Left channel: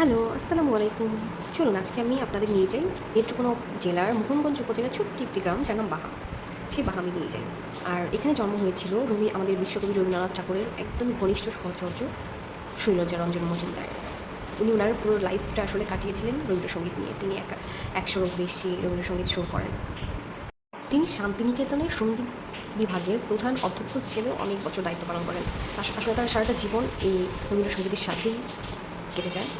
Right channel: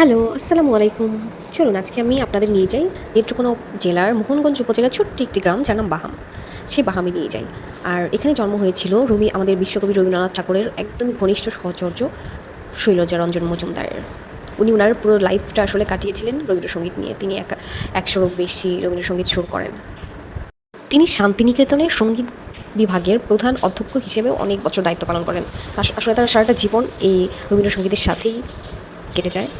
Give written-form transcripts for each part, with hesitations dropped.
Hello, আসসালামু আলাইকুম। চলুন আজকে আমি আপনাদের নিয়ে যাই নেত্রকোনা জেলার মোহনগঞ্জ উপজেলার ছোট্ট একটি গ্রাম যার নাম বাহাম। সেই বাহামে নিয়ে যাই। আর এখানে জন্ম হয়েছিল আমাদের বিশ্বকবি রবীন্দ্রনাথ ঠাকুরের একদমই ঘনিষ্ঠ সহচর্য শৈলজারঞ্জন মজুমদারের। উনি উনার পুরো লাইফটা আসলে কাটিয়েছিলেন রবীন্দ্রসঙ্গীত নিয়ে। তিনি ১০০'রও বেশি রবীন্দ্রসঙ্গীত সুর করেন। তিনি শান্তিনিকেতনের সঙ্গীত বিভাগের প্রধান অধ্যক্ষ হিসেবেও অনেক বছর দায়িত্ব পালন করেন। আসলে তার সারাটা জীবন এই রবীন্দ্রসঙ্গীতের সাথেই কেটে যায়।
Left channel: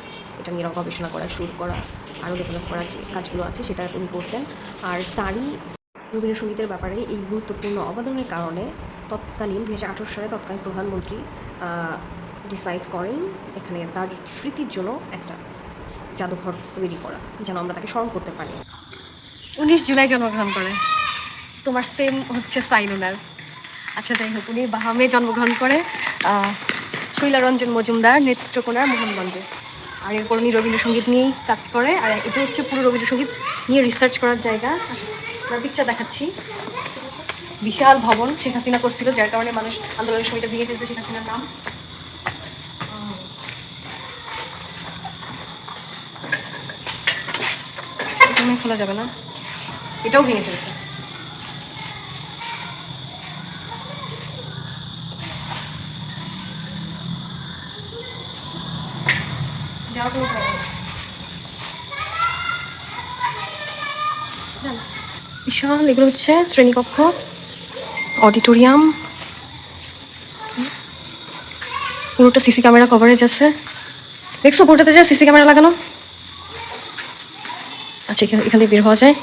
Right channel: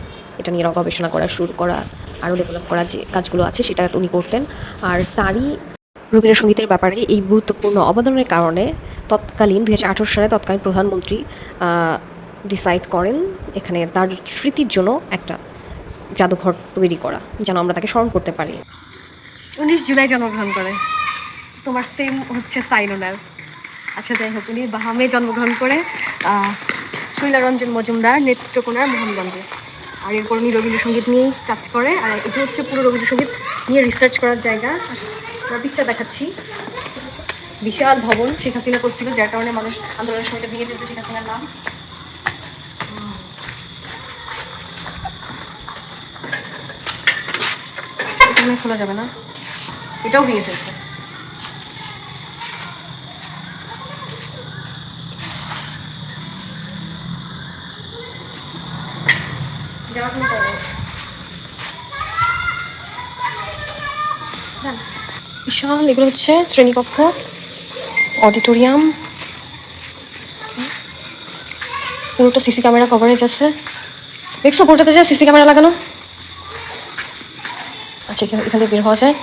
এটা নিয়ে গবেষণা করা, সুর করা, আরও ডেভেলপ করা যে কাজগুলো আছে সেটা উনি করতেন। আর তারই রবীন্দ্রসঙ্গীতের ব্যাপারে এই গুরুত্বপূর্ণ অবদানের কারণে তৎকালীন ২০১৮ সালে তৎকালীন প্রধানমন্ত্রী ডিসাইড করেন এখানে তার স্মৃতির জন্য একটা জাদুঘর তৈরি করা, যেন আমরা তাকে স্মরণ করতে পারি। 19 জুলাই জন্মগ্রহণ করে। তোমার সেম হচ্ছে সাইন ওনার। আচ্ছা, যাই হোক, উনি বাহামে জন্মগ্রহণ করে শৈলারঞ্জন মজুমদার নেত্রকোনার মোহনগঞ্জে। আর এরপর উনি রবীন্দ্রসঙ্গীত নিয়েই কাজ করে। আর এটা হচ্ছে পুরো রবীন্দ্রসঙ্গীত নিয়ে রিসার্চ করার জায়গা। আমরা পিকচার দেখাচ্ছি। বিশাল ভবন শেখ হাসিনা করছিল, যার কারণে মানুষ আন্দোলনের সময়টা ভেঙে ফেলছে শেখ হাসিনার নাম। এটা খোলা যাবে না, এটাও ভেঙে ফেলছে। বিশাল, এগুলো হচ্ছে শ্রেণীকক্ষ, অডিটোরিয়াম, পুরোটা সিসি ক্যামেরা কভারেজ আছে। দেখছো পুরোটাতে যা সিসি ক্যামেরা লাগানো। আচ্ছা, এখান থেকে বের হওয়া যায়।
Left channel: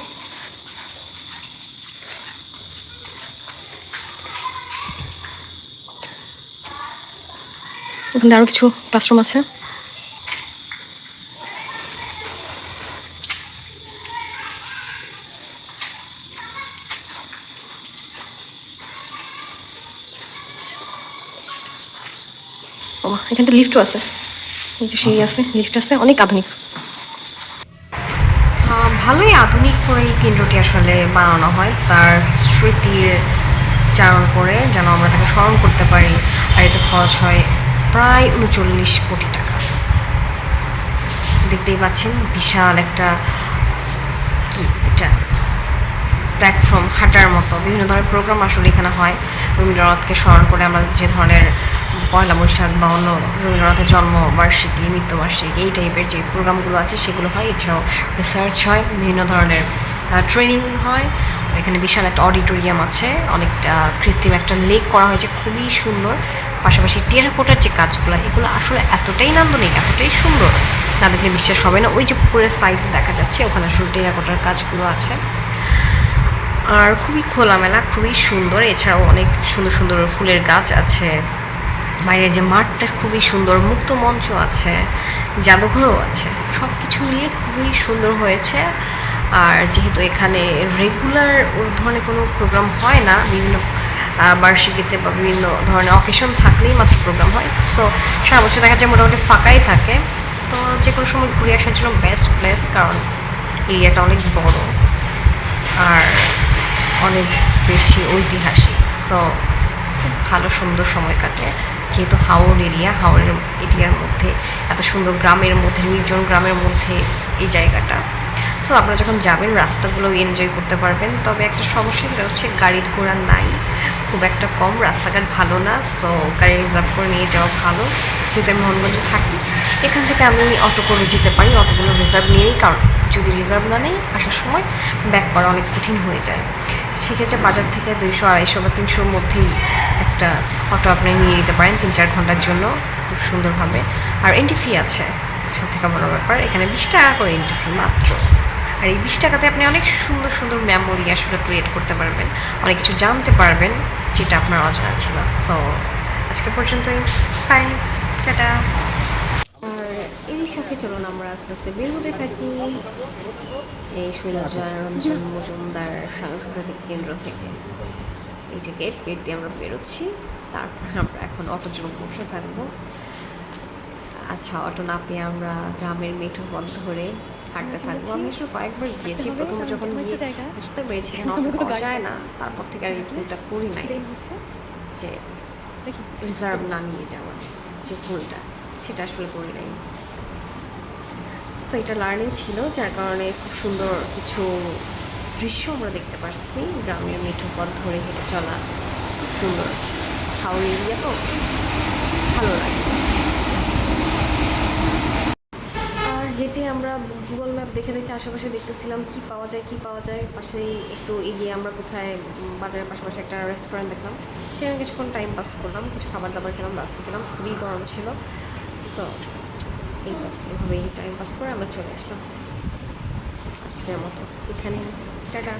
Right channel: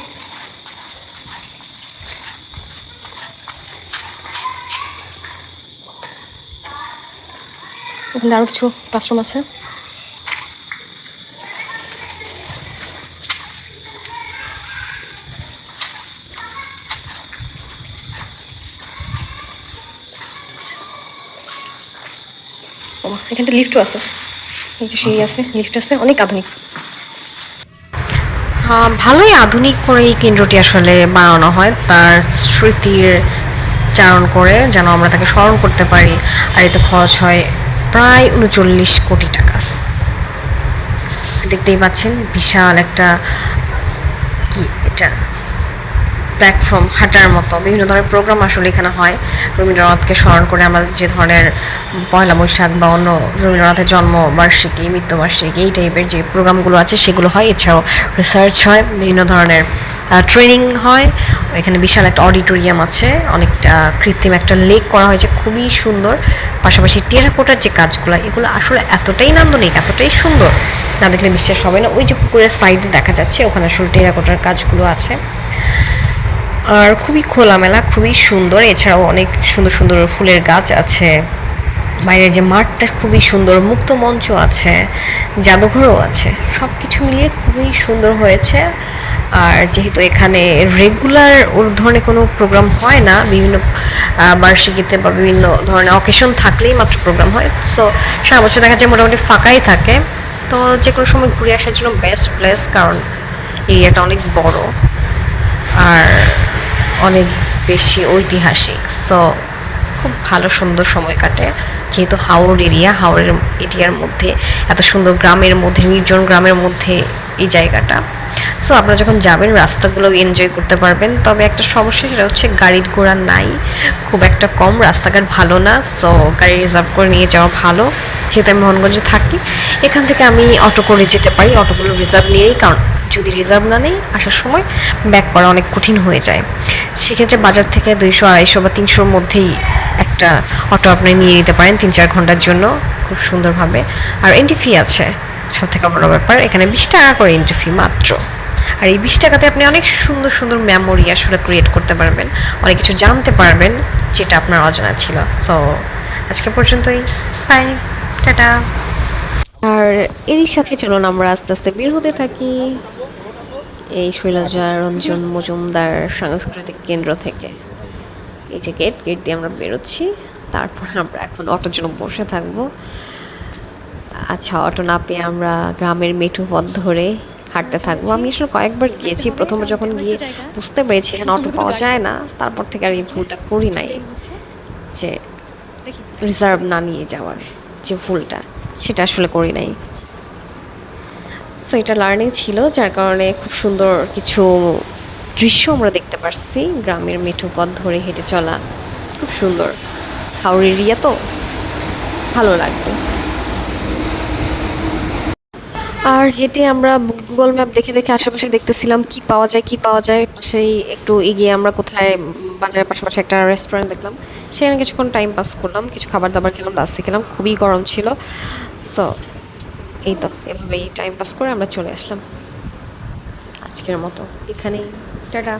এখানে আরো কিছু ক্লাসরুম আছে। এখানটা লিফটও আছে, এই যে সিঁড়ি আছে, লিফট আছে, অনেক আধুনিক। ভালোই আধুনিক করে এই কেন্দ্রটি আসলে বানানো হয় তার স্মৃতির চারণ করে, যেন আমরা তাকে স্মরণ করতে পারি। আর এতে খরচ হয় প্রায় ৩৯ কোটি টাকা। দেখতেই পাচ্ছেন বিশাল একটা কি এটা প্ল্যাটফর্ম, হাঁটার মতো বিভিন্ন ধরনের প্রোগ্রাম আসলে এখানে হয় রবীন্দ্রনাথকে স্মরণ করে। আমরা যে ধরনের পয়লা বৈশাখ বা অন্য রবীন্দ্রনাথের জন্মবার্ষিকী, মৃত্যুবার্ষিকী এই টাইপের যে প্রোগ্রামগুলো আছে সেগুলো হয়। এছাড়াও রিসার্চ হয়, বিভিন্ন ধরনের ট্রেনিং হয়। এখানে বিশাল একটা অডিটোরিয়াম আছে, অনেকটা কৃত্রিম একটা লেক করা হয়েছে, খুবই সুন্দর। পাশাপাশি টেরাকোটার যে কাজগুলো, এগুলো আসলে এতটাই নান্দনিক, এতটাই সুন্দর, না দেখলে বিশ্বাস হবে না। ওই যে পুকুরের সাইডে দেখা যাচ্ছে, ওখানে আসলে টেরাকোটার কাজগুলো আছে। আর খুবই খোলামেলা, খুবই সুন্দর। এছাড়াও অনেক সুন্দর সুন্দর ফুলের গাছ আছে। বাইরের যে মাঠটা খুবই সুন্দর, মুক্ত মঞ্চ আছে, জাদুঘরও আছে। সব কিছু মিলিয়ে খুবই সুন্দর হয়েছে। আর যেহেতু এখানে রেগুলার ওর ধরনের কোনো প্রোগ্রাম হয় না, বিভিন্ন বার্ষিকীতে বা বিভিন্ন ধরনের অকেশন থাকলেই মাত্র প্রোগ্রাম হয়। সো সারা বছর দেখা যায় মোটামুটি ফাঁকাই থাকে। তো যে কোনো সময় ঘুরে আসার জন্য বেস্ট প্লেস, কারণ এরিয়াটা অনেক বড় আর অনেক বেশি ঐতিহাসিক। সো খুব ভালো সুন্দর সময় কাটে। যেহেতু হাওড় এরিয়া, হাওড়ের এরিয়ার মধ্যে এত সুন্দর গ্রামের মধ্যে, নির্জন গ্রামের মধ্যে এই জায়গাটা। সো আপনারা যখন যাবেন রাস্তাগুলো এনজয় করতে পারবেন। তবে একটা সমস্যা, সেটা হচ্ছে গাড়ির ঘোড়া নাই, খুব একটা কম, রাস্তাঘাট ভালো না। সো গাড়ি রিজার্ভ করে নিয়ে যাওয়া ভালো। যেহেতু আমি মোহনগঞ্জে থাকি, এখান থেকে আমি অটো করে যেতে পারি। অটোগুলো রিজার্ভ নিয়েই, কারণ যদি রিজার্ভ না নেই আসার সময় ব্যাক করা অনেক কঠিন হয়ে যায়। সেক্ষেত্রে বাজার থেকে ২০০, ২৫০ বা ৩০০-র মধ্যেই একটা অটো আপনি নিয়ে নিতে পারেন ৩-৪ ঘন্টার জন্য, খুব সুন্দরভাবে। আর এন্ট্রি ফি আছে, সব থেকে বড় ব্যাপার, এখানে ২০ টাকা করে এন্ট্রি ফি মাত্র। আর এই ২০ টাকাতে আপনি অনেক সুন্দর সুন্দর মেমোরি আসলে ক্রিয়েট করতে পারবেন, অনেক কিছু জানতে পারবেন যেটা আপনার অজানা ছিল। সো আজকে পর্যন্তই, বাই, টাটা। আর এরই সাথে চলুন আমরা আস্তে আস্তে বের হতে থাকি এই শৈলজারঞ্জন মজুমদার সাংস্কৃতিক কেন্দ্র থেকে। এই যে গেট দিয়ে আমরা বেরোচ্ছি। তারপর আমরা এখন অটোর জন্য বসে থাকবো। আচ্ছা, অটো না পেয়ে আমরা গ্রামের মেঠো পথ ধরে হাঁটতে থাকবো। আমি আসলে কয়েকবার গিয়েছি, প্রথমে যখন গিয়ে বুঝতে পেরেছি এখানে অটো পাওয়া যায় না, তারপর থেকে আর এই ভুলটা করি নাই, যে রিজার্ভ না নিয়ে যাওয়ার যে ভুলটা, সেটা আসলে করি নাই। সো এটা লার্নিং ছিল, যার কারণে খুব সুন্দর কিছু দৃশ্য আমরা দেখতে পারছি। গ্রামের মেঠো পথ ধরে হেঁটে চলা খুব সুন্দর। হাওড় এরিয়া তো ভালো লাগবে। আর হেঁটে আমরা গুগল ম্যাপ দেখে দেখে আশেপাশে দেখতেছিলাম কি পাওয়া যায় কি পাওয়া যায়। পাশেই একটু এগিয়ে আমরা কোথায় বাজারের পাশাপাশি একটা রেস্টুরেন্ট দেখলাম, সেখানে কিছুক্ষণ টাইম পাস করলাম, কিছু খাবার দাবার খেলাম, লাস্টে খেলাম, খুবই গরম ছিল। সো এই তো এভাবেই টাইম পাস করে আমরা চলে আসলাম আজকের মতো এখানেই। টাটা।